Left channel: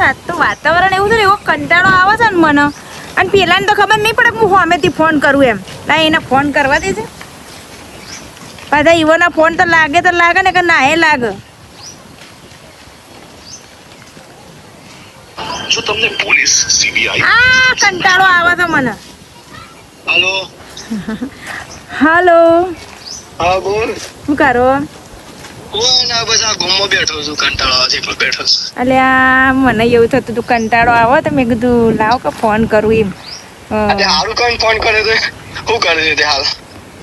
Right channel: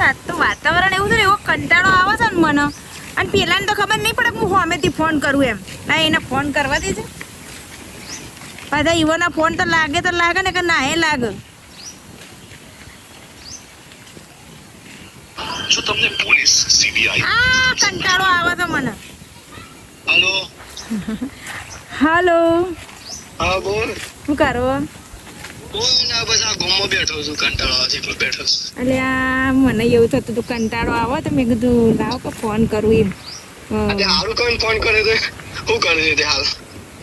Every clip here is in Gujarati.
વાત તો વાતાવરણ એવું છે ને એવો કંટાળો આવે છે ને મને અને પેલાને તો ખબર નહીં પડે કે હું સામેથી ફોન કરું એમ ના એને ફોન કરવા દે છે પાછા ઈવોના ફોન તો લાગે ને કે ના એ લાગે જો તમને પોલીસ સીબીઆઈ આ કંટાળો આવે છે મને હાલો હાલો હા બોલ શું કરો કોઈ ના બસ આ ગોમમાં બેઠો છું કંટાળો આવે છે એટલે બેઠો છું અલ્યા મને એવું થતું હતું કંટાળો આવે તો મેં કીધું લાવ કે ફોન કરું એમ આજે હારું કઈ ફોન કરે તો શું કરે છે તે હાલ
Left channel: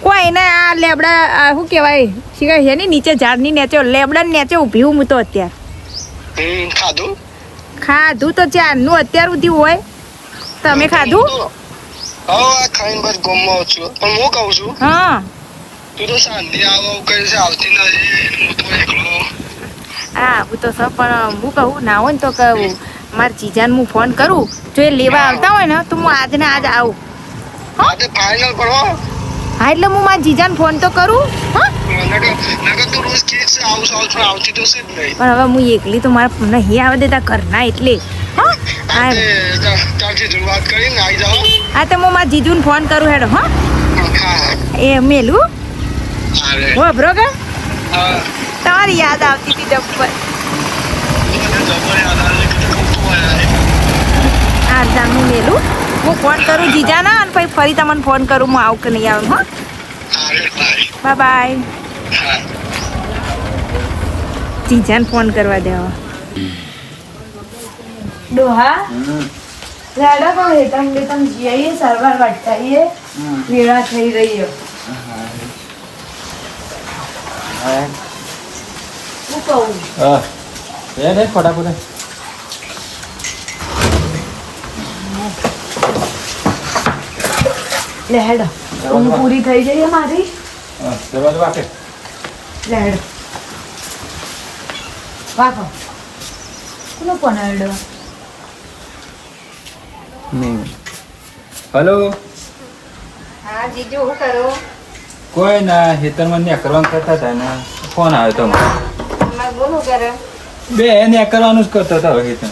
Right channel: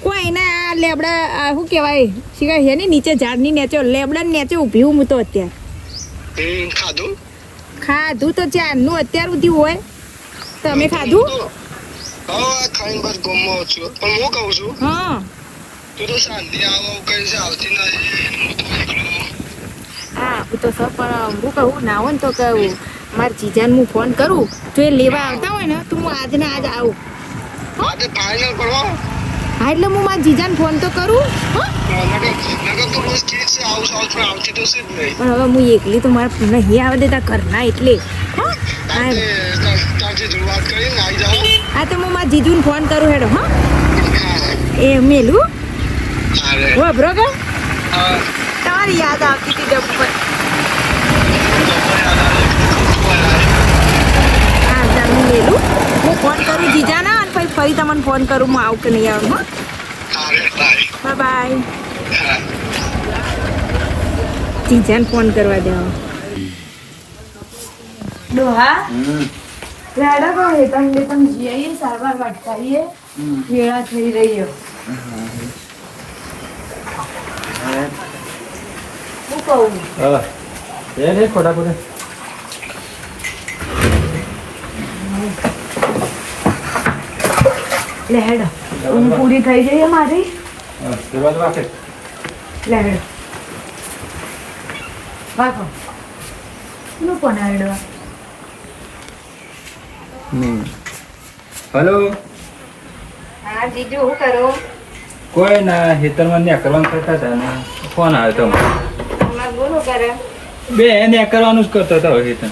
કોઈ ને આ લેબડા શું કહેવાય શીખા છે ને નીચે ઝાડની નીચે લેબડા નીચે ઊભી હું તો અત્યારે ખાધું ખાધું તો ચારનું અત્યાર સુધી હોય તમે ખાધું હા ખાઈને બસ ગોમમાં છું પણ હું કહું છું હા તું તો શાંતિ આવો કઈ છે આવતી નથી હું તો એકલો હા હું તો સર પણ હું કહું ના હોય ને તો કહું મારા જીજાને હું ફોન કરું જો એ લેવા આવતા હોય ને તો હું આજ ને આજ આવું આજે ફાઇનલ કરો હા એટલે હું મારા જીજાને ફોન તો કરું હા નકર તું રોજ કે છે આવું પણ આવતી તો છે જ નહીં પણ હવે હું એકલી તો મારા નહીં આવે દેતા ઘરના એટલે હા આજે તારથી શરૂઆત કરીને આવી જાઓ હા તો હું મારા જીજુને ફોન કરું હેડો હા હા એ મેલું અરે હો બ્રો કે હા તમારી યાદ આવતી હતી જબ્બર હા જાનું મેલું હું ફોન કરું જીજાના અને પછી ફરી તમને ફોન કરું હું આવું કે નહીં આવું હા બાય બાય જીજાને ફોન કરવા દેવા ડોહા લાડા કો હેતમ બેતમ જીઆઈએ સરવાર વટાઈએ વેળા થઈ રહ્યો હું કહું ફટાફટ લે હેડો ઊંઘ પૂરી થઈ જઈએ મારી દરવાજો વાકે લે હેડો વાગો કોનો ફોન હેડો હલો હા જીજુ શું કરો કોઈ ના હેતરમાં ને કરવાનું કરતા હતા ને ફોન આવ્યો તો અમાર બોલો કરે બે ને કરવાનું જ કરતો હતો હેતર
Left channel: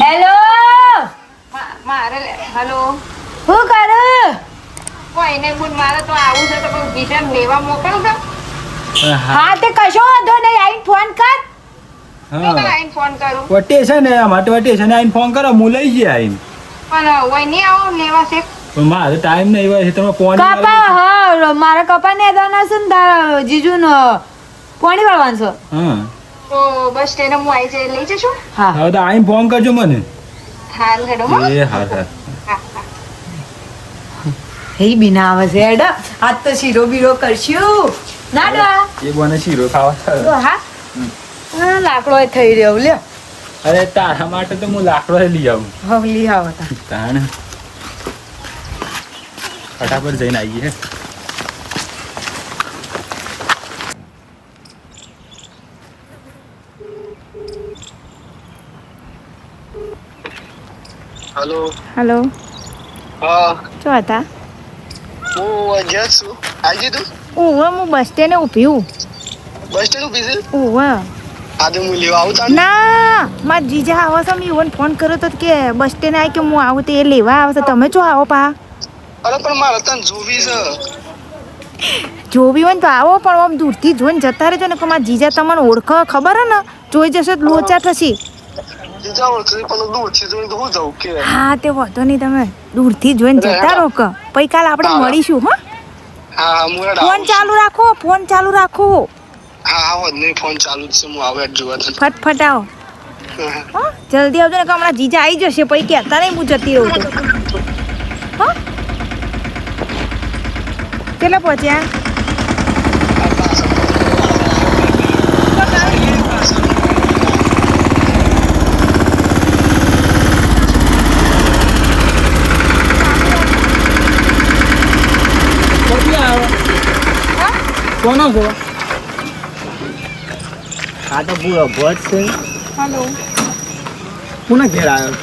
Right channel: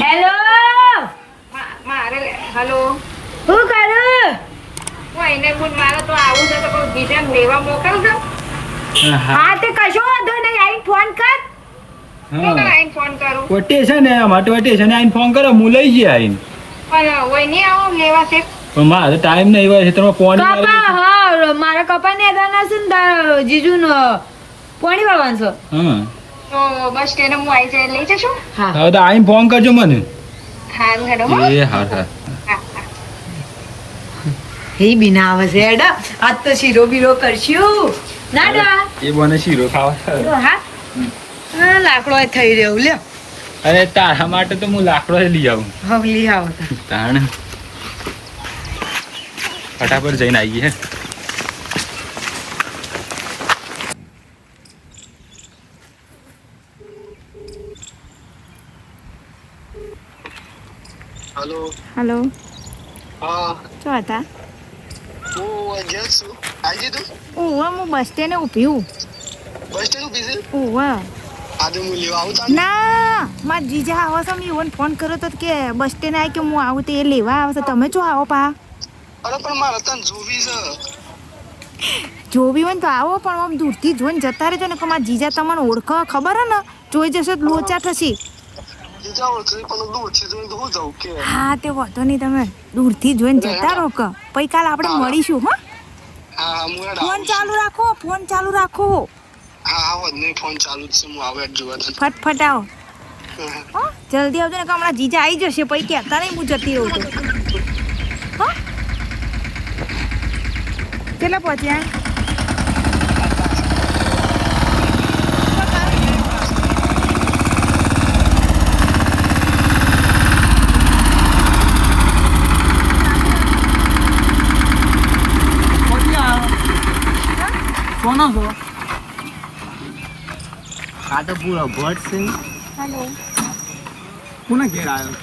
હેલો મારે હેલો શું કરે કોઈ નહીં બોલ મારે તો આવું છે તો કોઈ જીજાને લેવા મોકલો છો હા તે કશો વાંધો નહીં આઈને ફોન કર હા આઈને ફોન કરું વટે છે ને માટે વટે છે ને આઈને ફોન કરો હું લઈ જઈએ આઈને અને હોય નહીં આવો લેવા છે પણ મારે ટાઈમ નહીં હોય હેતરમાં પાણી કપા હા મારા કપા ને દાના છે ને તારા જીજુનો પાણી વાળવાનું છે હા તો બસ સ્ટેન્ડ હું આવી જાય લઈ જશો હા હવે તો આઈને ફોન કરજો મને હાલ હેડો એ હા હા હે બિના આવે છે હેડો આજ તો શીરો બીરો કરશું ના ના એ બને શીરો ખાવા તો હા હા લાકડો થઈ રહ્યો લ્યો અરે તારા માટે તો હું લાકડો લઈ આવું હવે લઈ આવો તા તાણ ફટાફટ જઈને આવીએ હેલો હેલો હા શું હતા હું અહીંયા જ છું આવી તું ઓવા હું બસ સ્ટેન્ડે ઊભી હું બસ સ્ટેન્ડ ઉભી છે ઓવા આજે હું લેવા આવું તાર ના મારા જીજા આવો છે મેં ઈવન ફોન કર્યો તો કે બસ સ્ટેન્ડ આવી કે હું આવું તો એ લેવા આવે છે તમે જો આવો પા અરે પણ મારે તને જોવી છે જોવી હોય ને તો આવો પણ આમ દૂરથી જોઈને જતા રહેજો ને કે મારા જીજા તમને ઓળખો ખબર હે ને જોઈ જશે તો લોચા થશે બીજા ઓળખી પણ દૂરથી જોઈને તો હું જાઉં કે હા તે વાંધો નહીં તમે દૂરથી જોઈને જતા રહો કે પછી કાલ આપણે મળીશું હો હા હા હું ફોન ચાલુ રાખો ફોન ચાલુ રાખો હા હા વધુ નહીં ફોન ચાલુ જ છે હું આવે જોવા તને ફટફટ આવો હા જલ્દી આવજો ને કે હમણાં જીજા આવી જશે પછી કહેતા નહીં હું જતી રહું તો હા કેટલા પહોંચ્યા કોનો છે આ તો પૂરો ભોજ છે હેલો કોના ઘેર આવ્યો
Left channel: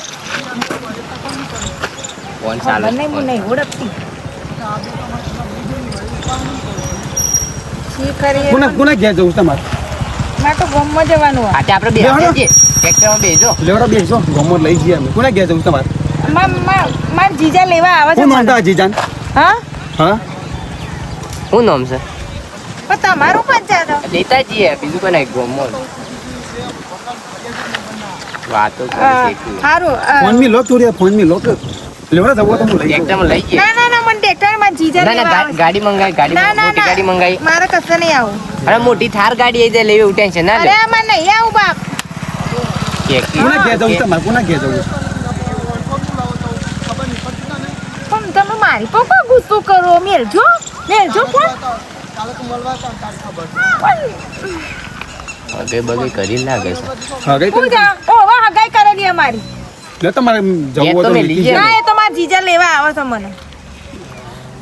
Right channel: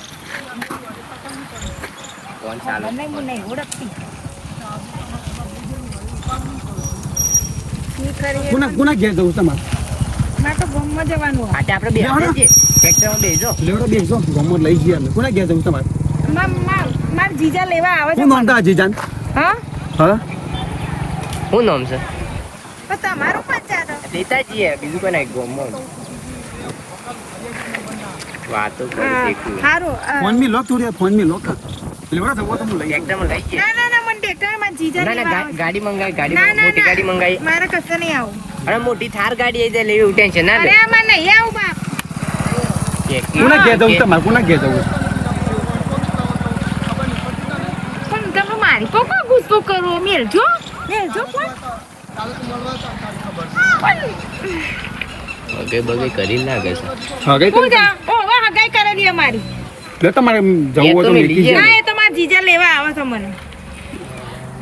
ફોન ખબર નહીં હું નહીં ઓળખતી શી કરીએ કોના ઘેર જવું તમારે ના તો ગમ ગામમાં જવાનું હોય. આજે આપણે બે બેહો. ટ્રેક્ટરમાં બેસજો. લેવડો બેસજો ગમત લઈ જઈએ અમે કોને ગયા જવું તમારે માર જીજા લેવા આવે હું છે. નોંધા જીજાન હા હા શું નામ છે? પણ તમારું પંચાયત હો. લેતા જઈએ બીજું કોઈ નહીં ગમો વાતો સારું ફોન મી લોક ચોરી ફોન મી લોક લેવડો જવો તો હું લઈ જાઉં ટ્રેક્ટરમાં લઈ જઈએ. ના મને ટ્રેક્ટર માં જીજા ના લેવા ના આવે છે. ગાડી મંગાવી ના મોટી ગાડી મંગાવી મારે કશે નહીં આવું. અને મોટી થાર ગાડી આવી જાય લેવી એવું ટેન્શન ના લે અરે આમાં નહીં આવું બાપ. કોને ગયા જવું તમારે કોને ગયા જવું પણ તમે મારી પર કોઈ ગુસ્સો કરો મેલજો પણ બે બગે કરી લાગે છે. હા કઈ હું જા ઓ વાહ હગાઈ કરેલી અમારી. લે તમારે જવું હોય તો મેં મેકી લઈ ના જાય એ તો મારા જીજા લેવા આવે છે મને.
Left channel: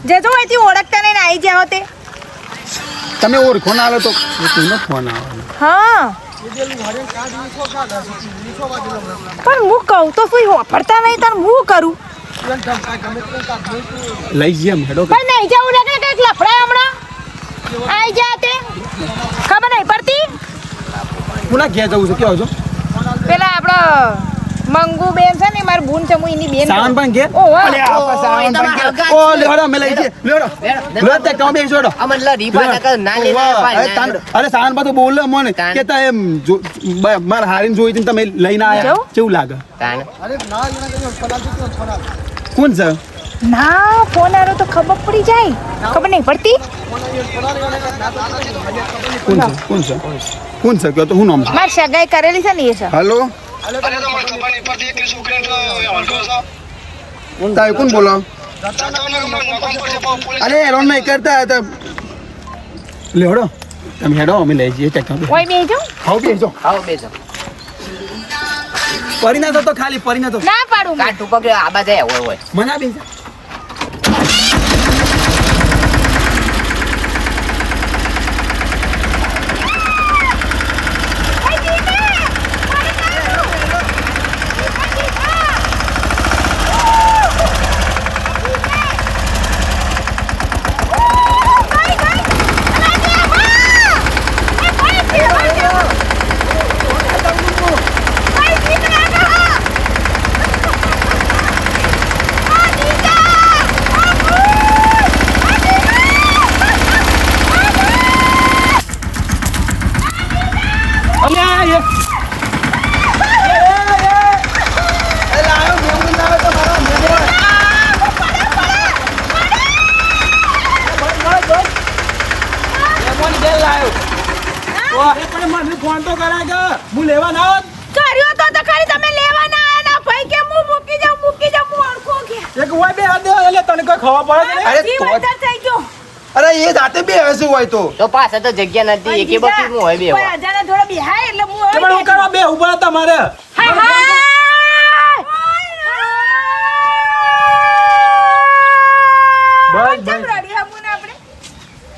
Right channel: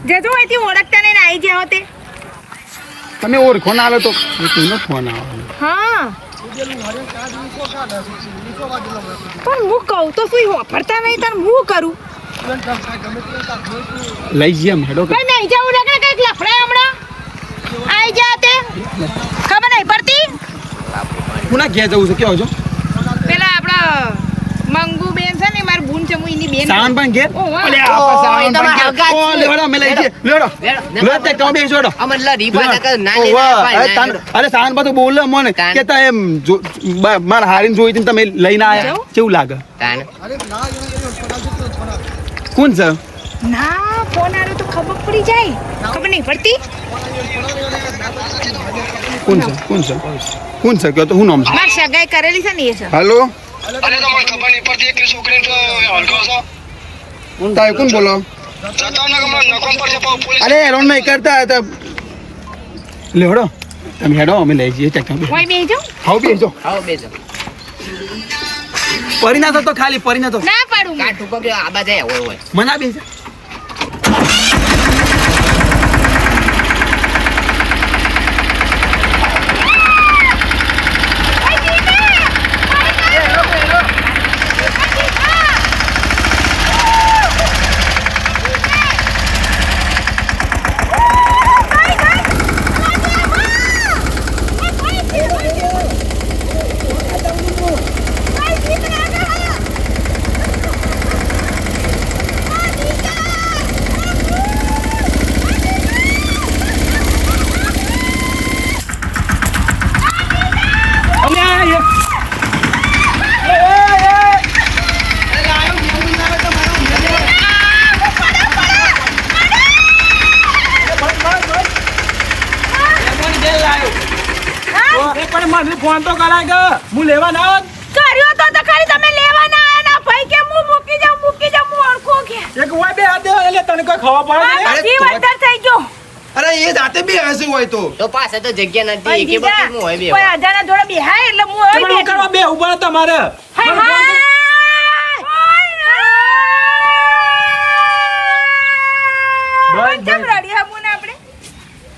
જજો અહીંથી ઓળખતા નહીં ને આવી જાઓ તે. તમે ઓળખો ના આવે તો કોઈનો ફોન આવે હા પણ હું કહું તો શું વાપરતા નહીં તાર હું કરું. લઈ જઈએ અમે હેડો પણ નહીં જવું ને કઈક લફડા હમણાં આવી જા તે ખબર નહીં પડતી. કોને ગયા જવું છે કેવો છો પેલા આપડા મંગુ બેન છે ને મારી બૂન છે હું એની બેન સાવન પણ કે ઓહો. અલે આપા સાવન પણ કે ઓ લેવડો અમે લઈ જઈએ લેવડો લે તે કામ બેસ જોડો અમન લા રીપા ના લે અરે સાવન પાછું બોલે મને કે તા એમ માર હારીને જોઈ હતી ને તમે લઈને આયા કેવું? કેવું લાગે તાન કોણ છે ના ફોન આવ્યો તો ખબર પડી જાય ખબર નહીં પડતી. કોણ છે કોણ છે કે તો હું નામ છે મારી સગાઈ કરેલી છે ને એ છે. હેલો અરે તમારે ખબર નહીં પડતી એકલી છોકરીને તો હલકો છો તાય કોણ બોલો જતા ને ગમે નકોમ પર છે પોલીસ અરે હેરોન નહીં કરતા હતા લેવડો તમે હેડો અમે લઈ જઈએ ટેક્ટર ઓય બેજો ખાવ બેસજો આવો બેસો પરી ના તો ખાલી પરી ના તો ના પાડું કા ટુપક આબા જાય હોય મના બેસા અમે આયા ફોન તો કરાય હું લેવા ના હોત કર્યો તો ખરી તમે લેવા ના આયા ના ભાઈ કે હું મૂકી જાઉં હું ઓળખો કે એક હોય બે હાથ દે એટલે તને કોઈ ખબર પડે આ જીવ અંતર થઈ ગયો. અરે એ જાતે બે હસું હોય તો તો પાસે તો જગ્યા નથી પણ એકે જીજા, બાજુ હોય બે કોઈ અજાણા જોડે બેહાય એટલે હું હવે તમે બેઠી. કરવા બે ઉભા તમારે હાય હાય. બસ, કેમ બસ. રડી હમું ને આપણે?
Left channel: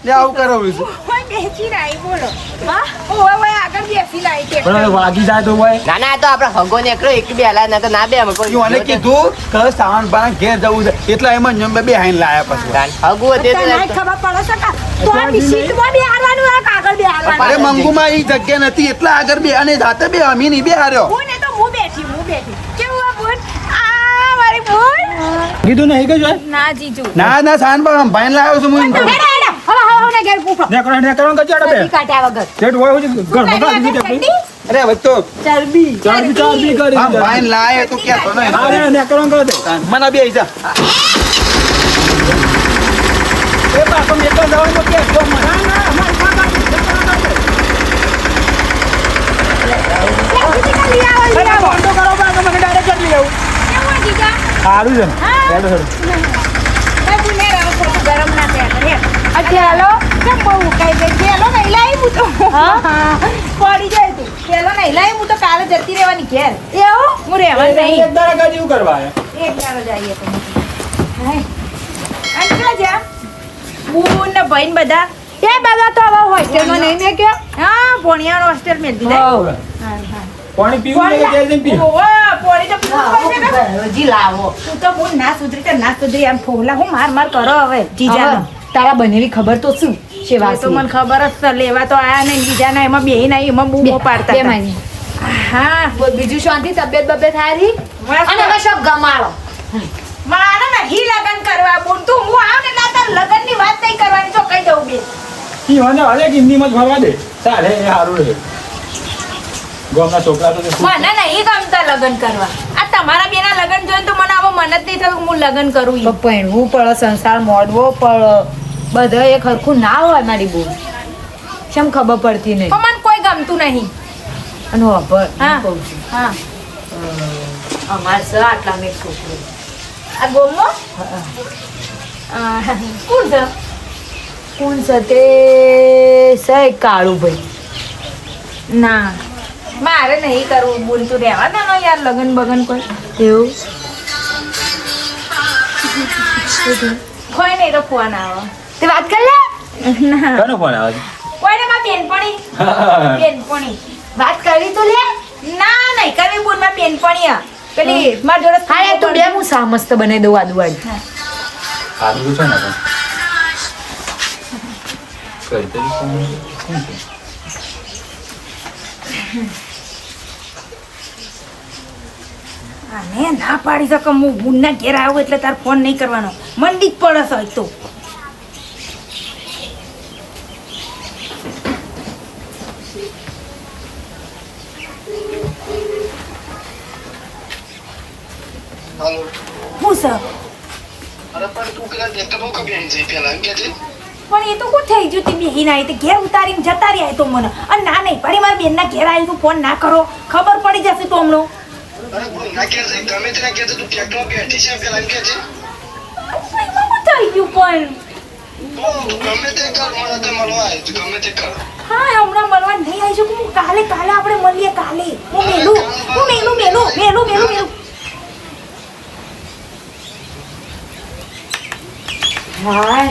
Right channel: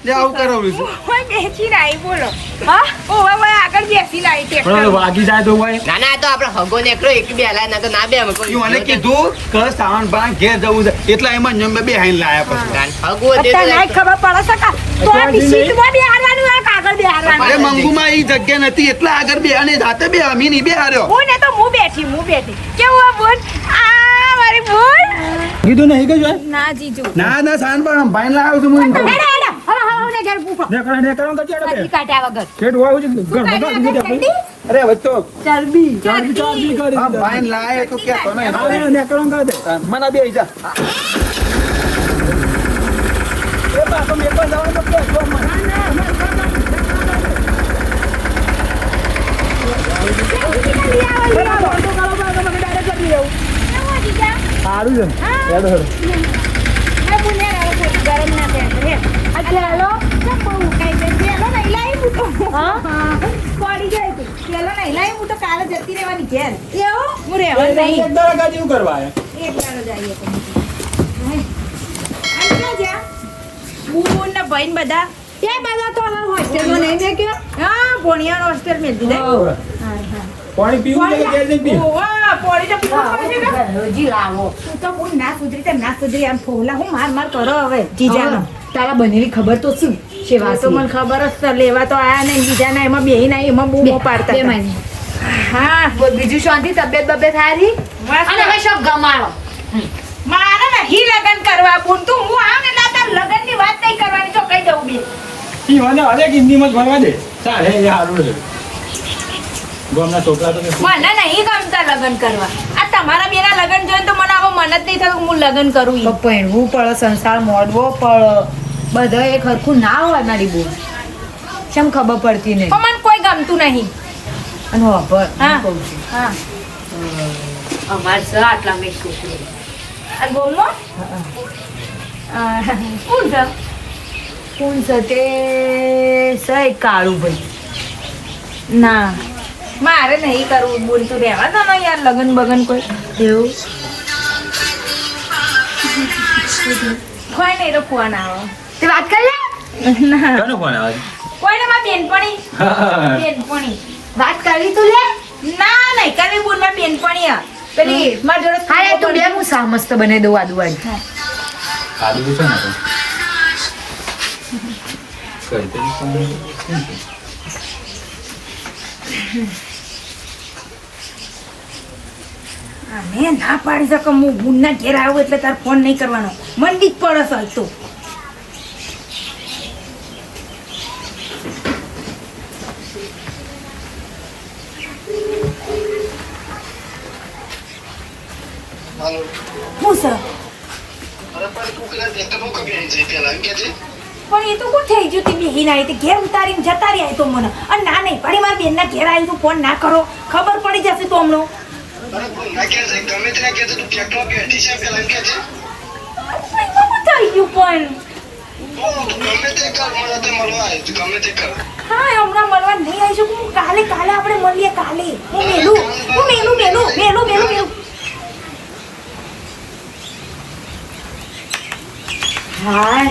લે આવું કરો બીજું ઓય બેસીને આઈ બોલો. હા? ઓય આગળ બેસીને આઈ પણ ટ્રેક્ટર. વાગી જાય તો હોય ના ના આ તો આપણે હગો નીકળ્યો એક બે હલા ના તો ના બે અમે કોઈ મને કીધું કે સાવન બાણ ઘેર જવું છે એટલે એમાં જ બે હાઈન લાયા પછી હગો દે અત્યારે નહીં ખબર પડે છે કે તો આ સીટમાં બેહારવાનું આ કાગળ અરે બેહારવાનું. મંગુમાં ઈ જગ્યા નથી એટલે આગળ બે અને જાતે બે અમી નહીં બે હાર્યો હું ને તો હું બેઠી કેવું આ બોલ આ મારી બોલ કીધું નહીં કે જોય ના જીજુ ના ના સાવન બાણ ભાઈન લાવ્યો છું હું હેડા ને ઘેર પૂછો નેકરો કચાડો બે કાઢ્યા વગર સેટ હોય હું ઘર બગા દીધી કે ચટણી? અરે હવે તો ચરબી ચારબી કરી ભાઈન લાય તો કે તો નહીં અરે નેકરો કર દે મના બે આઈ જા એ બાપો નેકરો જવાનું તો કે તો મના ના મન ખાવા તો કરો બા મને ડાયરેક્ટ કરી લેવું કેવું જીજા સારું છે હેડો હેડો મેં પુણ્ય રાવ ખોટું ગરમ ના થયા કરે ચાલો કેમ બહુ ઉકાઈ ગઈ પેલો નહીં લાવી હું તો પડી જાય તું પેલો નહીં લાવી હું તો કાલે જતી રહેવાની ઘેર એવું હું રહેવા નહીં એક દાડા કાજી એવું કરવા આયા એક દાડો જઈએ તો અને ક્યાં જા બુન ને ભાઈ ને બધા એ બધા તો હવે હોસ્ટેલમાં નહીં મેં કે હા ભણિયાનો હોસ્ટેલ મેં દીધા હા હા પાણી પીવું છે કે ગેર જઈને પીવું ઓવા પોણી તો પીવું પડશે ને હજી લાવો તું તો બોલ ના સુધરી આમ ફોલા હું માર કરો હવે જીજાનો તારા બનેવી ખબર તો શું એ તો મને ખબર જ છે લેવા તો આયા નહીં બીજા ના એમાં બેહી નહીં એમાં બૂમો પાડતા હતા. હા બીજું શાંતિ તબિયત બબિયત હારી અને હવે શું ગમાડો મારે નહીં લગન કરવા બોલ તું હું આવ ને તાર લગન ની વાત નહીં કરવાની જો કહી દઉં બે ઈવાને હાલે કે હિન્દીમાં જ ફરવા દે ચાલે એ સારું છે ગામના છોકરા તો કે મને નહીં ગમતા લગન કરવા આ તમારા બેના લગન જોઈને તો મને આવો મન જ નહીં થયું હું લગન કરું ઈ. પહેરવું પડે સંસાર મોડવો પડે બધા એક હરખું ના હોય મારી બોલ કેમ ખબર પડતી નહીં પણ મને કોઈ ગમતું નહીં. અને વાપર હા. હું કહું છું હા અમાર સ આટલા મેં છોકરો આ ગોમનો કોણ છે કોણ છે તે સહી કાળું ભાઈ ના મારે નહીં કરવું બોલતું રહેવા દો ને યાર લગન બગન કોઈ એવું કોઈ નહીં તો ફોન આવે તે વાત કરી લે ના કોનો ફોન આવે કોઈને માં બેનપણી છે? બેનપણી વાત કરી તું લે ના નહીં કરવી બોલ માં બેનપણી આ પેલી માર જોડે હા એ તું બે હું સા મસ્ત બને દઉં આદુ આદુ સારું છે ને તો કરી દે. આને ના પાડી શકે હું બુનના ઘેર આવું એટલે તાર ફોન નહીં કરવાનો મંડી જ પડે છે તો હાલો હું સર અરે પણ તું પેલા ટ્રેક્ટરમાં કબી આવી જઈ પેલા એમ કે છે પણ એ તો કોણ થઈ ગયું તે બેહીને આવી તે ઘેર ઉતારીને જતા રહ્યા તો મને અને ના નહીં પડી મારા બેનના ઘેર આવી તું ફોન ના કરો ખબર પડી જશે તો હમણાં અરે બોલ ના કે છે ગમે તેના કે તું ટ્રેક્ટરમાં બેઠી છે પેલા એમ કે છે એમાં થઈ ગયું પણ તું ગમે તે કર મને તો મળવા આવી તું ગમે તે કર હા હમણાં મળવા નહીં આવી શકું હું કાલે આપણે મળીએ કાલે હું મેલું હા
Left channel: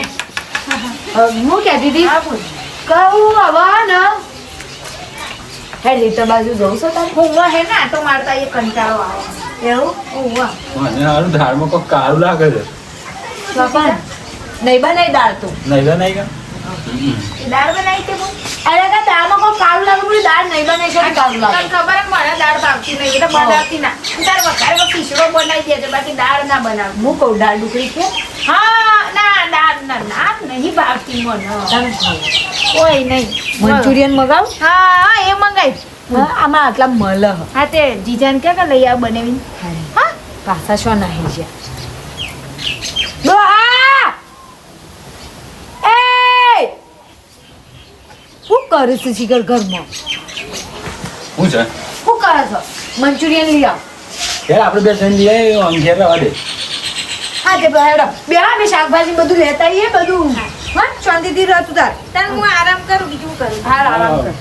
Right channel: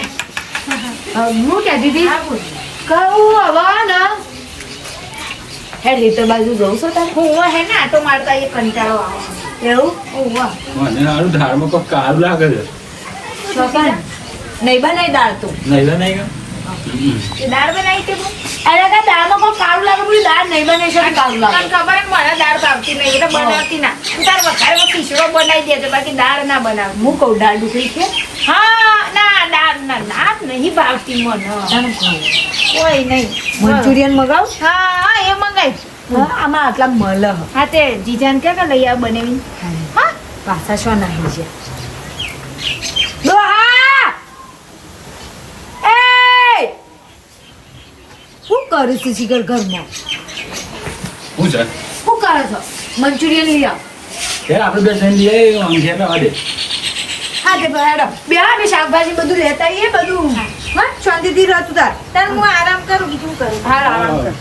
હું કહેતી હતી હા બોલ કહું હવા ને હે રીત બાજુ જવું છો તારે હું હે ને આટો મારતા એ કંટાળો આવે એવું મને હારું ધારમાં કોઈ કાળું લાગે છે ચોપન નહીં બનાવી દાળ તું નહીં તો નહીં કે એ દાળ બનાવી તે બોલ અરે કા દાળમાં કોઈ કાળું લાગે બોલી દાળ નહીં બને છે કાળું તને લાગે ખબર જ મને દાળ ભાવતી નહીં એટલે બનાવતી ના તું તાર વઘારમાં ખીચડો બનાવી દેજો બાકી દાળ ના બનાવ હું કહું દાળ ડુકરી છે હા ના દાળ ના નહીં ભાવતી મને તને ખાવું કોઈ નહીં મંચુરિયન મગાવ હા એ મંગાઈ હા આમાં આટલા મલ હા તે જીજાને કે લઈ આવ બનાવી હા પાછા શું નાહી છે ડોહા એ શું કરું છું શિખર ઘરમાં શું છે શું કરે છો મંચુરિયન લઈ આવ યાર આપણે બે જણ લઈએ આમ ઘેર રહેવા દે હા તે બેડો બે શાકભાજી બધું લેતા આવીએ બધું હા શાંતિથી રહેતું તાર તને હું આરામ કરું બીજું કરું હા આરામ કર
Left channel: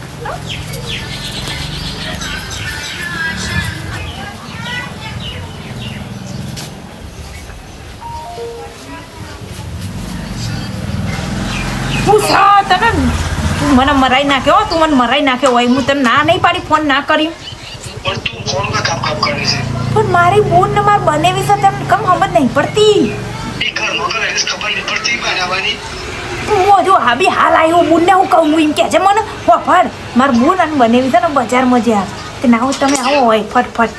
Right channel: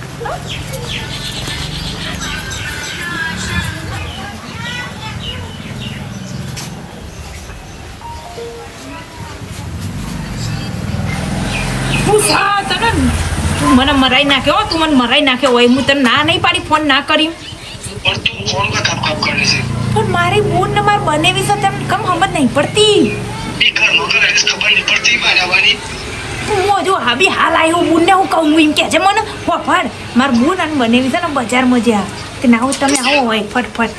હું સા તને તું મને મરાઈ નાખ્યો તું મને મરાઈ નાખ્યો હોય હું તને ના નહીં પાડી ફોન ના કરી પણ તું ફોન કા કાપ કરે છે પણ મારી બોન ને માર બનેવી છે તને કમ સમજ નહીં પડતી એ ઘર નો કરે ખબર નહીં પડતી બનાવવાની હું જો હાબી હાલ આવ્યો બોનને હું કહું હું એમ કે છે મને ફટ માર બોન અને બનેવી છે ને બજારમાં જ્યાં કે ના તમે આવો હોય ફટફટ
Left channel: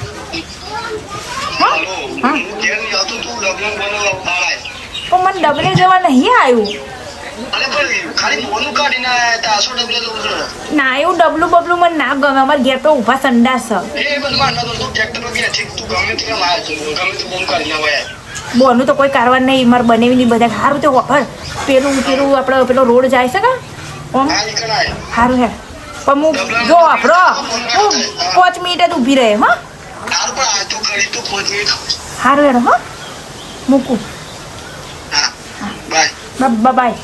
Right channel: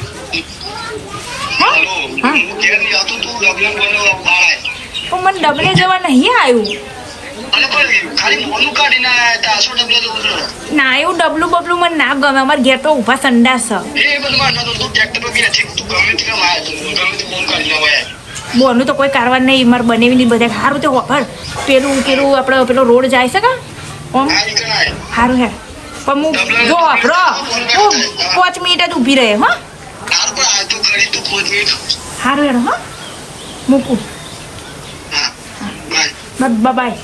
હાલો હા. હું ઘેર નહીં આવતો તું ડબલ બનાવવા પાડાય પણ મને ડબલે જવા નહીં આવ્યું અરે પણ ખાલી મોનું કાઢીને આયા તા આસો ડબલે જવું છે ના એવું ડબલું બબલું મને ના ગમે અમારે ઘેર તો ઊભા સંડાસ છે એ બધું માનતો તું ટ્રેક્ટરમાં બી નથી તું ગમે તે કામ આવ્યો તું ગમે તે ફોન કરીને આવ્યા બોનું તો કોઈ કારવાર નહીં મારે બનેવી નહીં બધા સારું તો વફર પેલું આપણે પેલો રોડ જાય છે કા ઓમ આ નીકળાય સારું હે પણ હું જો આપણો હું 5 મિનિટ જ ઊભી રહે હા તાર પણ આ તું ઘડી તું ખોજ નહીં સારું હેડો હા મૂકું હા બાય બાય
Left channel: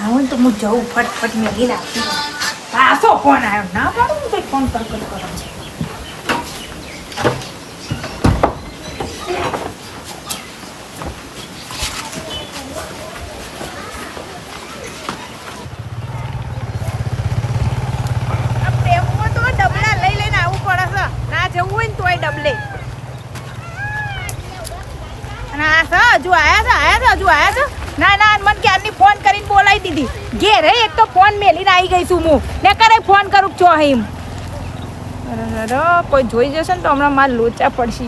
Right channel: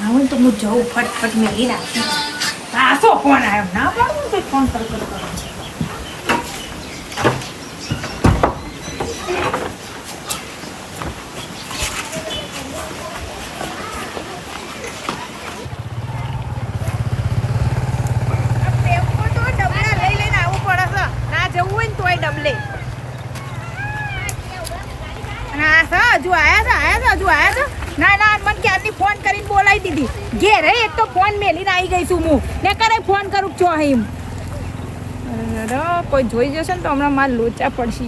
આવું તો હું જઉં ફટફટ મેલી નાખી પાછો ફોન આવ્યો ના પાડું તો ફોન કરતો પ્રેમમાં તો ડબલા લઈ લઈને આવવું પડે છે ના જવું હોય ને તોય ડબલે અને આ છે હજુ આયા છે ના ના મને ક્યારની ફોન કરીને બોલાવી દીધી ઘેરે એક તો ફોન મેલીને આવી ગઈ છું હું ને કરે ફોન કરું છો એમ અરે કોઈ જોઈ જશે ને તો હમણાં માર લોચા પડશે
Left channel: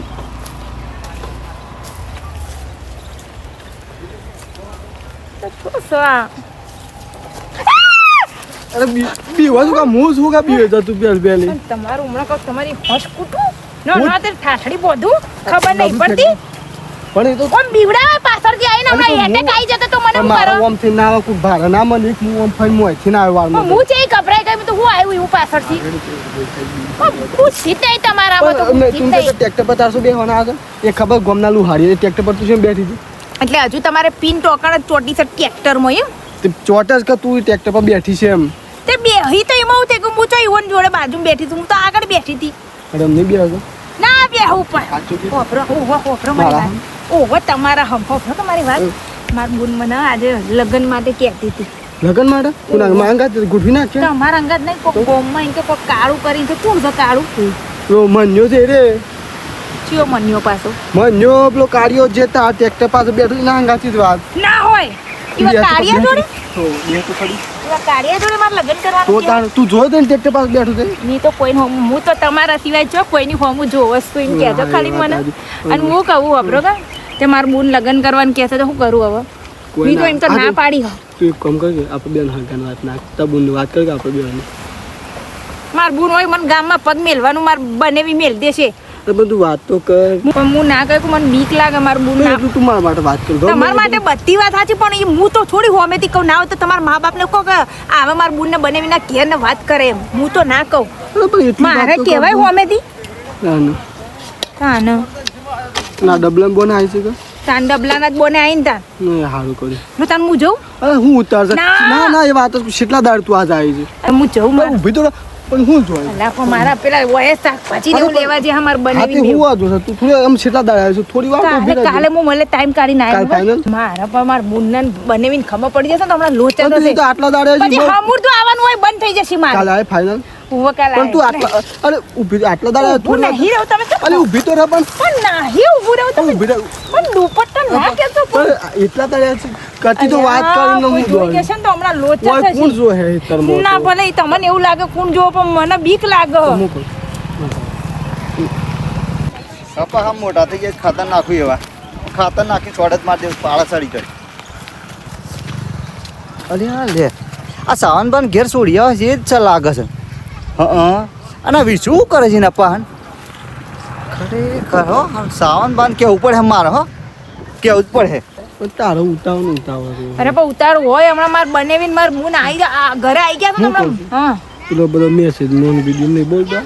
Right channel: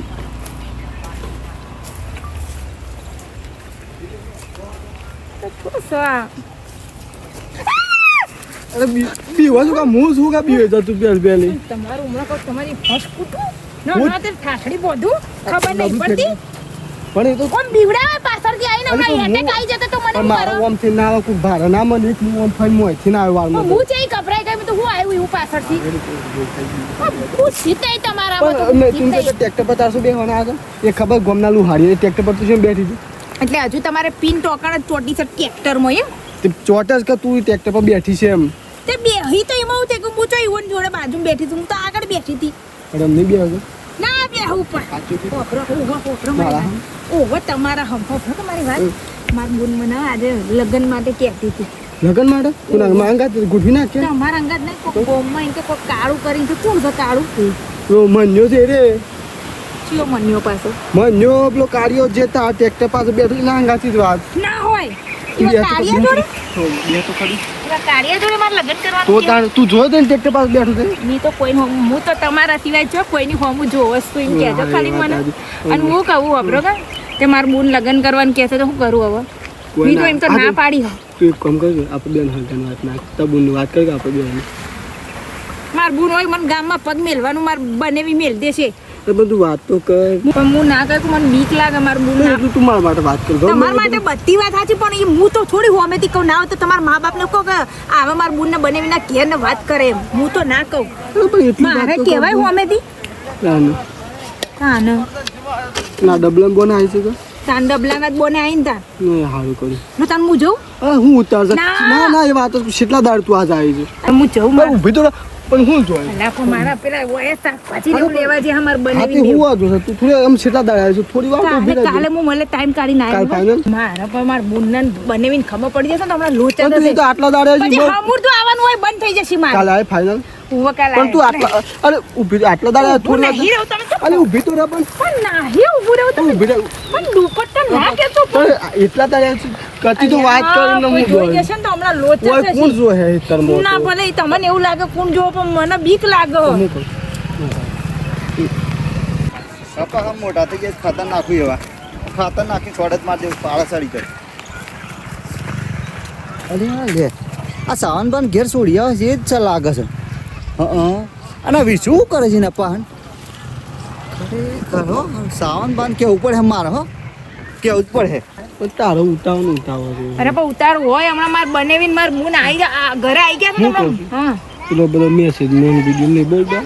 અરે બીવા શું કા હું શું કા બીવે તું પહેલી તમારું હમણાં કહું તમારી હોશ કૂટું ના તે ઠાઠડી બોધું ખબર નહીં પડતી પણ એ તો ઓમ બીવડા પાછળથી આવીને હમણાં એટેક આવી જતો તો મને હું મારો કરો ઓમ થી ના આવે કોઈ ભારે ના મને હું ઓમ ફાઈ મોય થી ના આવે વાળમાં હું છે ગભરાઈ ગઈ તો હું આવ્યું એવું પાછળથી હું સીતે તમારામાં તો મેં તું તો ટ્રેક્ટર પર 400 બેહવાના આગળ એ ખબર ગોમના લુહાડી ટ્રેક્ટર પર તું શું બેઠી હતી એટલે હજુ તમારે પિન ટોકણ જ ચોટી છે ટ્રેક્ટરમાં એમ તે ચોટસ કે તું ટ્રેક્ટર પર બેઠી છે એમ તે બેહી તો એમાં હું તે હું તો ઈવન જોડે બાજુ બેઠી હતી હું તો આગળ બેઠી હતી અરે નહીં બેહો ના બેહું પણ સાચું કે હોફરો હોફરો મારી વાત ઓહો તમારા હોફરો તમારી વાત માર બુન મને આજે લગ્ન માટે કહેતી હતી લગન માટે કોના માંગા ગુઠી નાખ કે તમારા અંગાત નહીં કોક ગોમમાં એમ કે કોક કાળું કરીને તો કોણ છે કાળું રો મન્યો છે રે ચિયો મન્યો પાછો મન્યો પેલો કાળિયો જે તા ટ્રેક્ટર પાસે બેઠો ના અંગાથી જ વાત ના હોય ઈવા કાળિયા જોડે બે તો ખરી ઈવા કાળિયા જોડે મારે લગ્ન તો કરવાનું તાર તું જો ને ટ્રેક્ટર પાસે બેઠો છે ની તો કોઈ હું તો તમારા સિવાય જો કોઈની હોમું જોવસ તો એમ કહેજો ખાલી મને અને હું કહું હબરો કે તે માર બુન લગ્ન કરવાનું કહે છે તો શું કરું હવે ની તો એમ તો ના પાડી હા તું એક કામ કર આપણે બેન હગાન વાત ના તબુન વાત કર કે આપણે બેન માર બુન હોય મને ગામમાં પગ મેલવાનું માર બનેવી મેલ દેશે તો બધું વાત તો કર પણ હું ના કહું મને બીક લાગે માર બુન ના એટલું તું મારા માટે વાત કર તમારા માટે બધી વાત સાચી પણ એ હું તો થોડી હોમેથી કહું ના હોય તો તમારા મા બાપને કહો કે આવા મારા બુનને બનેવીના ઘેર ને વાત કરે એમ હું તો ના કહું મારે કહેવાય હોમેથી ના ના હા ને ના ડબલમ બોને આવી છે તો તાન ડબલાના જ બોને આવીને તાર નહીં સારું કર્યું હું તાન હું જઉં હું ઉતારશે ના. ના ના એ વાત કેટલા દાડ તું આજ આવી છે હું જઉં મારે ઊભી તો પણ હું જોઈ અલા પણ મારા પેલા વયસ શાકભાજી ને એવું લેવા જે અમાર હા તે બનેવી હું વાંધો છે તું થોડી આમ કેટલા દાડ આવી છે થોડી વાર ઊભી કાલે રહેજે. હું મને ટાઈમ કાઢીને કાલ આવ્યો final? મારા પણ મારા બુનને બનેવીને ખબર પડી જશે ને તો હમણાં લોચા પણ તું થશે તો આટલા દાડ આવી પછી છે હમુર તો આવવાનું હોય બંધ થઈ જશે મારે કાલ આવે ફાઇનલ હું કાલે પણ તું આટલા અરે ઊભી આટલા દાડ આવી થોડી વાર નહીં રહું તમે અરે ઊભી તો રહે પણ નહીં ઊભું રહું તમે ઊભી રહે પણ દુપટ્ટા ના કેતો પણ એટલા દાડ આવી છે. કરતી તો વાત કરીને હું જોઈ જશે ને તો હમણાં લોચા કોઈ થશે કોણ જો હે તરમો ના ભલે ઈ તમને એવું લાગે કોણ જોવો પણ મને બીક લાગે હું કહું કપા આમ મોટા થઈ ગયા ખાતર નાખું એવા ખાતર નાખી છોડ જ મારી દે પાળા સડી જાય અરે હા લે આ સાવન બાન ઘેર છોડી આવે છે એ જ લાગે છે અને વિશું શું કરે છે ને પાન ખરેખર હો સાવન બાન કેવું પડે મારે હો કેવું જ પડે પણ તારો ઉતાવળ ઉતાવળ છે. અરે પણ ઉતાર હોય હમણાં માર બનેવીને માર બુન ઘરે આવી ગયા હું તો કહું હમણાં હા પેલો બધો મેસેજ મોન વિડીયો નહીં બોલતા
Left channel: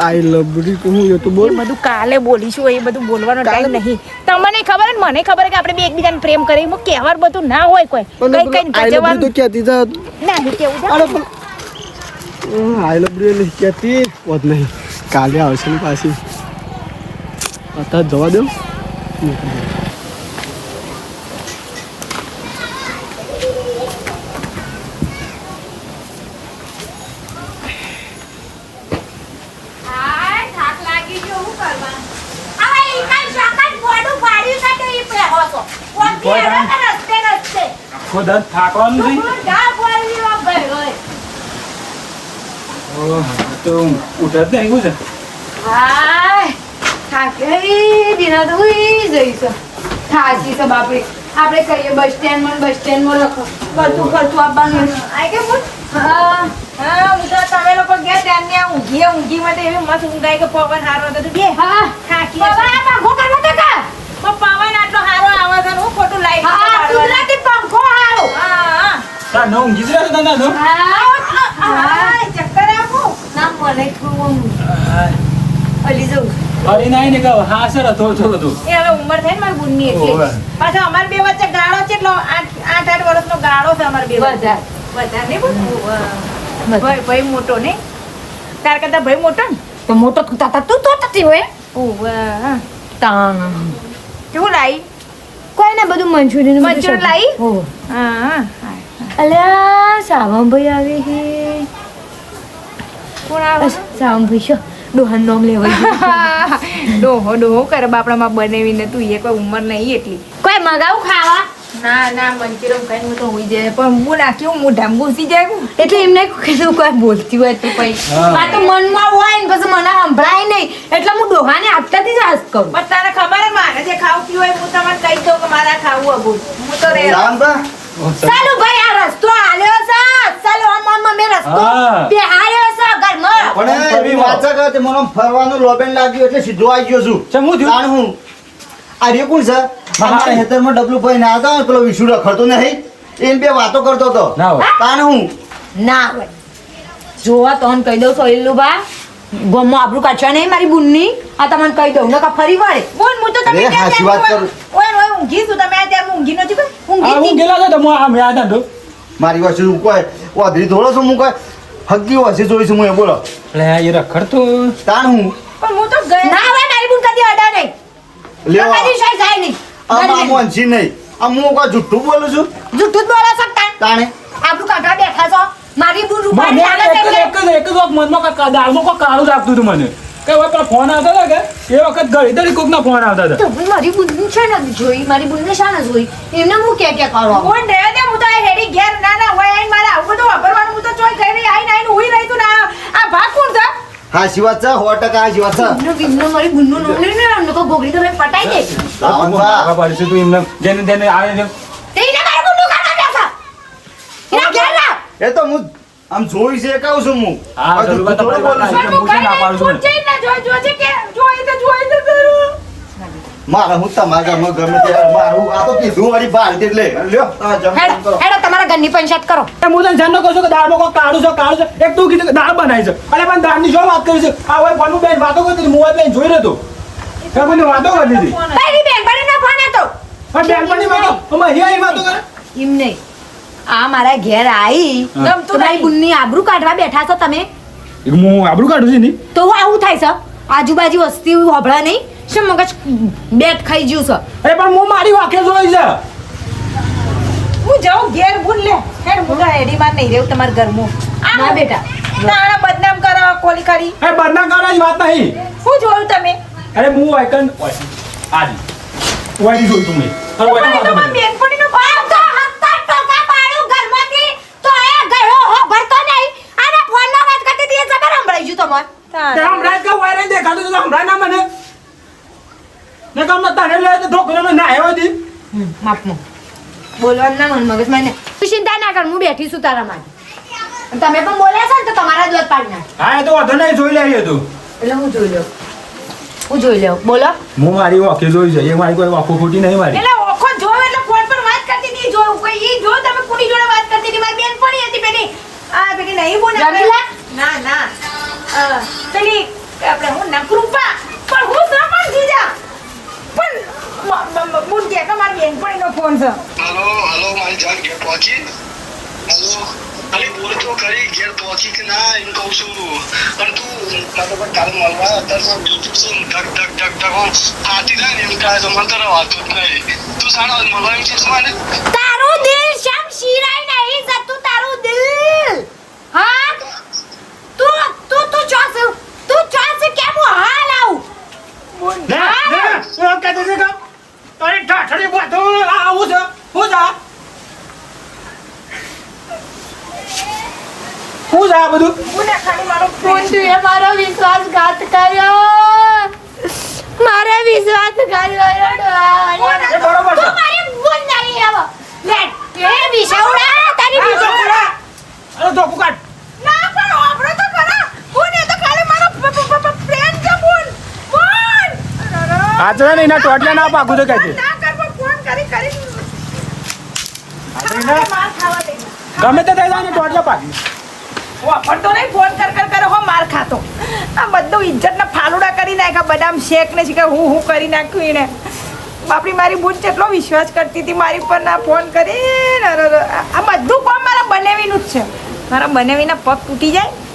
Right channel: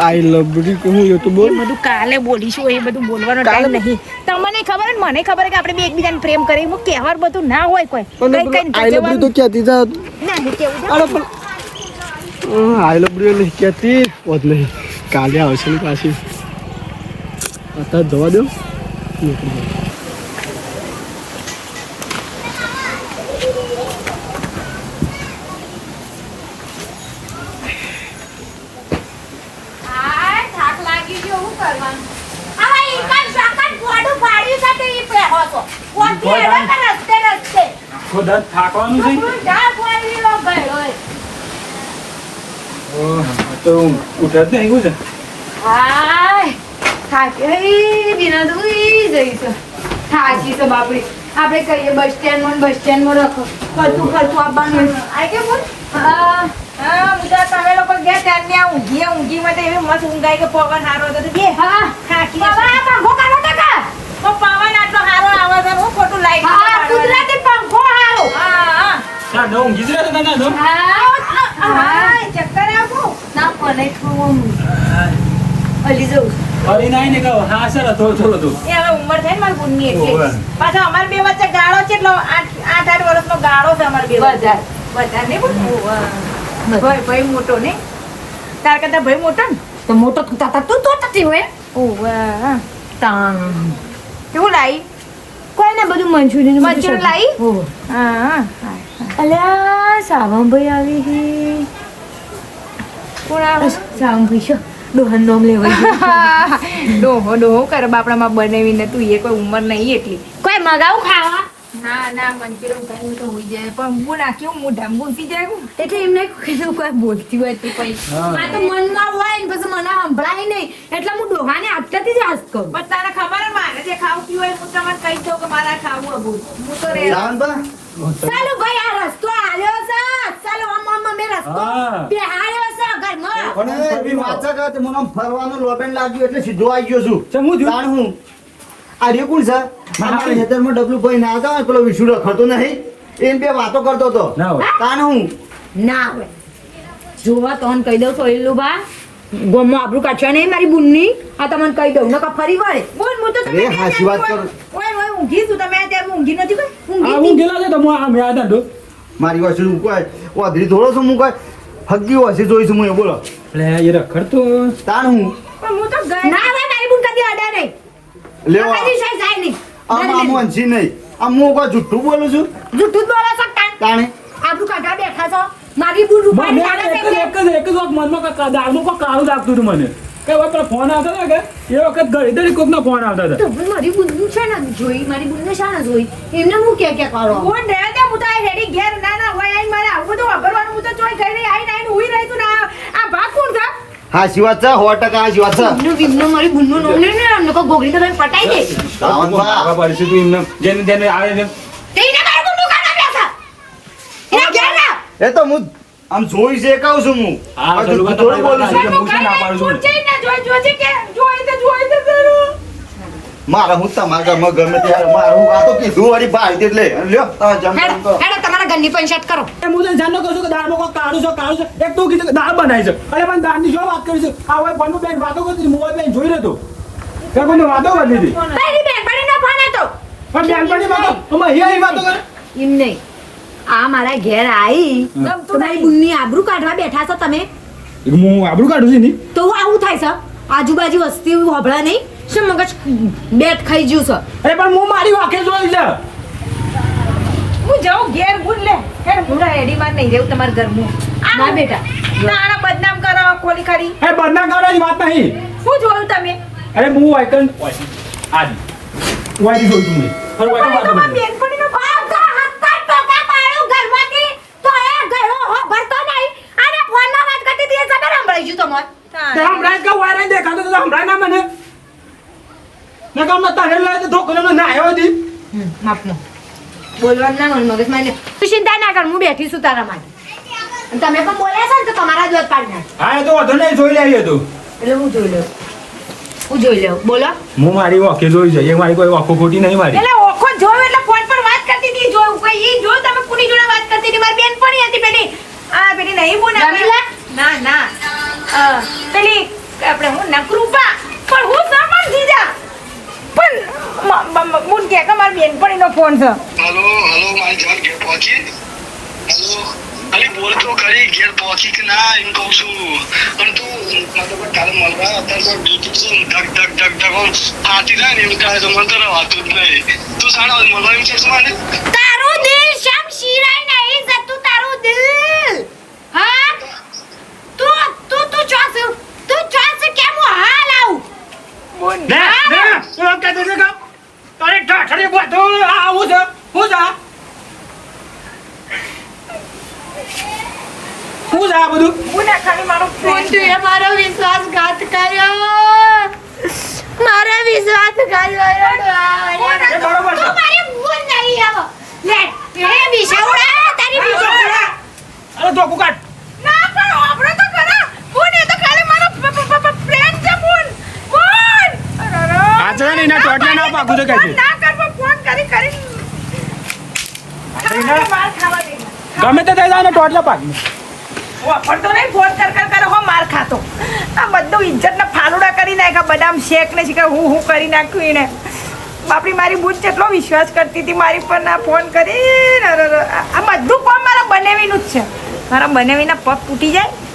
આઈ લવ યુ કે હું એ તો બોલ એ બધું કાલે બોલીશું એ બધું બોલવાનો ટાઈમ નહીં તમને ખબર ને મને ખબર કે આપણે બે એકબીજાને પ્રેમ કરીએ હું કહેવાર બધું ના હોય કોઈ પણ કઈ કઈ આઈ લવ યુ તો કહેતી જા ના નહીં કેવું અરે પણ આઈ લવ યુ નહીં કહેતી હોત નહીં કાલે આવશે ને પાછી અત્યારે જવા દો નીકળી જાય થાક લાગી ગયો હું કરવા આ ઈ કઈ શાકન ગોડું ફાડ્યું કાતે ઈ પહેરો છો કોણથી એવા રસ્તે રસ્તે ખોદા થાકવાનું છે હું જા ફાડ્યું લો ભાઈ ઓય ઓહ, તો ઉઠે જ નહીં છે હાય થાકી દીના તો ઉઈ જઈશ થાકી છે બાપરે આપણે કહીએ બસ સ્ટેન્ડમાં રાખો કરતું આવવાનું આઈ કે બોલ હા હું તો તમે લોકો ગયા ત્યાં ત્યાં ઊંઘી માં એવી મસ્ત ઊંઘાઈ કે પવન હારો હતો બે હા થાકી બાબા આ પંખો કરવા તો કા પવન આટલો હારો આવે છે હું ખોટું લાઈટ હા કુદરતી પંખો હારો હા તાર નો ઊંઘી જ રહ્યા છે તાર નો હા ચક્કર આવું ના મને થોડું અલી જવું ફરી નાઈ ને કહો હા સર થોડું એ હવે ઉંમર થાય ને મારી બુનની ઓવે. એટલે પાછો અમાર બે વચ્ચે ગાળો છે એટલો 8 વર્ષનો ગાળો છે અમાર બે વચ્ચે વધારે નહીં બોલ ભાઈ મોટો ને તાર કરતા ભાઈ મોટો ને તો મોટો તું તો તતી હોય ઓવે તાણ કેવું લાઈ કોઈ ને બધું મંચુરિયન મંચુરિયન લાઈ? હો હા અલ્યા સાવંભાઈ આવી હે કોણ આવે સાવંભાઈ છો ડોહન નોમ લેવાય ડોહો કરે બાપડામાં બનાવીને તું એ કોઈ ઉંમર નહીં એટલી કોઈ મગાવું ખાવા ના મંચુરિયન ખાઈને હું તો હોઈ જાય પણ હું નાખ્યું મોઢામાં ઘૂસી જાય એટલે એમને કીધું કોઈ બોલતી હોય તો પછી આ તો મનમાં હોય ને પછી મને સંભળાય નહીં એટલે હું ડોહાને આપતાથી જ હાસ કરું પણ તારે ખબર હે મારે જે ખાવું પીવું હોય હું તમને કહી દઉં કે મારા ખાવું અબુ હું તો રે રામબા ચાલો ભાઈ આ રસ્તો આલ્યો છે ચાલો આમ મેં રસ્તો હા. બેહાડ્યો છે ઘરમાં પણ એવી વાત છે કે મને ફરવાનું લોબેન લાગ્યું એટલે સીધો આવી ગયો છું ચમ હું થયું? તાણ હું આ રે કોણ છે અમારા હેતરમાં ડબલું ભાઈ ના હતા પેલો વિશુ રખડતો નહીં એમ બે વાતો કરતો હતો ના હોય. તાણ હું ના હોય જોવા તને કહી દઉં સોયલું બા ગોમમાં આબરૂ કાઢવા નહીં મારી બુનની આ તમને કહી દઉં નકા ફરી વળે બોલ હું તો અરે તમે હાચી વાત કરું ઓય ઊંઘી છું તમે આ ત્યારે ઊંઘી નથી કોઈ આ હું ઊંઘી ગયેલો હતો તો હું આમ યાદ હતો મારી પાસે હું કોઈ વાદળી થોડો છું હું કોઈ હગી હોય છે જોઈશું હું એ બોલો એટલે એ રખડતો તાણ હું પણ હું તો ગઈ ના હોય મારી બુન કદી અડા નહીં લેવા કદી શાય જાય નહીં આમ વંશી નહીં આમ હું કોઈ જુઠ્ઠું બોલું છું જૂઠું જ બોલો છો તાન તાણે આબરૂ કાઢવા બેઠા છો મારી બુન રૂપાળી મને લાગે છે એક એટલે જ મનમાં દાળમાં કોઈ કાળું લાગતું હતું મને કે હવે પેલા ફોન આવતા હતા કે એ વખત ઘડી કોકના ફોન આવતા હતા તો હું મારી બુન છે ને જોઈ મારી બુનને શા ન જોઈ એમને હું કે કરો હું ને દે હું તો આ હેડી ઘેર ના હોય આઈને મારે આવું બધું વાપરવાનું હું તો ચોઈ થઈ નહીં આઈને હુઈ રહી તું ના આ ભાગ કોણ છે હાચી વાત છે 100% હાચી વાત છે બુનનો વિનનો મારી બુનનો નામ ને અમને કો ગોગડી તો પટાઈ દે રાવણભા, પડશે તું એમને જેને જેને આવે છે તેને મારી બુનનું કાઢવા બેઠા એને ઘેર ના એ તો હું આમ જોઈ છે કહું છું હું હા, આ જુઠ્ઠું જરૂર થોડું બોલું છું હું છે ના પાડું છું તું જઈને જોઈ કે જોઈ તો કરું મારે હું તમારા ઘરમાં ગમે ત્યારે મારું આ તો કીધું વાળી ભાઈ એટલે લ્યો તમે જમ હેડો કરો હેડો તમારા ઘરની પંચાયત કરો હું તને જાણનો કહું છું કે દાળમાં કોઈ કાળું છે એક તું કીધું કે દાળ બનાવી છે અરે પણ દાળની શું વાત કરી છે આ હોય ફોનમાં બેન વાતો કરતી હતી, મોબાઈલ બેન જોઈ રહ્યો હતો ત્યાં કોઈને વાતો કરતી હતી તારી બેનપણીનો ફોન હતો પણ બેનપણી વાતો અમે અહીં વાતો કરે એમ નહીં આ મારા ઘેર આવી હા. તમારી બુનની આબરૂ કાઢવા બેઠા છો તમે હું આબરૂ કાઢું છું નહીં તો આવું થાય છે આજુબાજુ વસ્તી હોભળા નહીં શું મગજ બેટ ખાઈ ગયું છે અરે પણ હું મારી વાંખે જોઈ છે હું જાઉં ઘેર ભૂલ લે ઘેર ભૂલા હેડી માં નહીં રહેવું તમારા ઘરમાં ના બેટા તારા બદનામ કરો કોલી કરી અરે બદનામ કરવાની વાત નહીં હું જોઉં તમે અરે હું વાયકન આજી વાયથી જોઈ તું મેં અરે વાયકન વાતો તમારી કરી બેનપણીનો આ તો હત્તા ટોકા પાડ્યું ઘરમાંથી તો એ ગયો હો ભરતો નહીં અને ફોનમાં વાત કરતી હતી એ ખબર સંભળાઈ ગયું તમારે તે હમણાં જ કહું વાયરન દેખાતું હતું તો હમણાં ના મને ને કામ તને લઈ તો ધોકો ના આવ્યો હતી માપનો બોલવાનું ના મન મગજ મને તું ચિંતા ના કર હું બેઠી છું તારા માટે અને તમે પણ બોલ્યા છો ને તો તમારા જ વત પાડી નાખ હા એ તો વધુ નહીં જોઈ લેવી હતું એટલે હું જોઈ લઉં બોલો હું મારી વાંખે જોઈ છે એ મારી કોઈ વાંખો ખોટી નહીં મારી એટલે ઓખો જોયો એટલે ફોન પર વાત કરતી હતી જોયું કોઈ ઈ જો તમે કોની જોડે વાત કરતી હતી મારી બેનપણી હતી પેલી આ પેલી નહીં બોલ રમીલા? ના પેલી આપણે હું ના કૃપા પણ હું સાંભળ જીજા પણ મુન કે મારી બેનપણીનો ફોન છે હલો મારી જાન ઘેર પહોંચી હલો અરે બોલ તો ખરી ઘેર પહોંચી કે ના એમ કહું છું પણ તું મારે તો કાલે મળવા અત્યારે તો ડ્યુટી છું ધક ફાટી જાય ને એમ કહે તો મને તો વાતું જ નહીં તું સારા મળવા એમ છે મને તારું દિલ શમ શિરાય નહીં જતું તારું દિલ હા તું ચોસ કેમ હું હાલ આવું ને શું કહેતો છે કે તારી ઠાઠડી બધો આવું છે હું જા હું જા બધું હું ના ખાલી મારો ફોન તું એ મારો વિશ્વાસઘાત કર્યો મારો વિશ્વાસઘાત કર્યો એ બરોબર છે તું મારી ભૂલ નહીં આવો લે એ વિષાવડા તારી વિષાવડા અરે ધોકું કાઢ ના પણ આપણો તો ખરા હું ને તો ખાલી મારો ફ્રેન્ડ છે બોલ આ જો ને એના ટોટિયા ના પાકું તો કહે છે ના કર ફોન કરી માર ખાવા દે ગમે તે થઈ જાય ને ટોટિયા પાકી વાપરતો નહીં ફોન કર હો માર ખાતો આ બધું ઇજ્જતના ફાલુડા કરી નાખ્યા બદામ શેક ને શીખે હું કરી નાખ્યું એને બાપડી મારી બુન કેટલો વિશ્વાસ કરતી હતી મારી પર ના ફોન કરી આ બધું કામ મારા બનાવીનું જ છે મારા બનાવીના પગ તૂટી જાય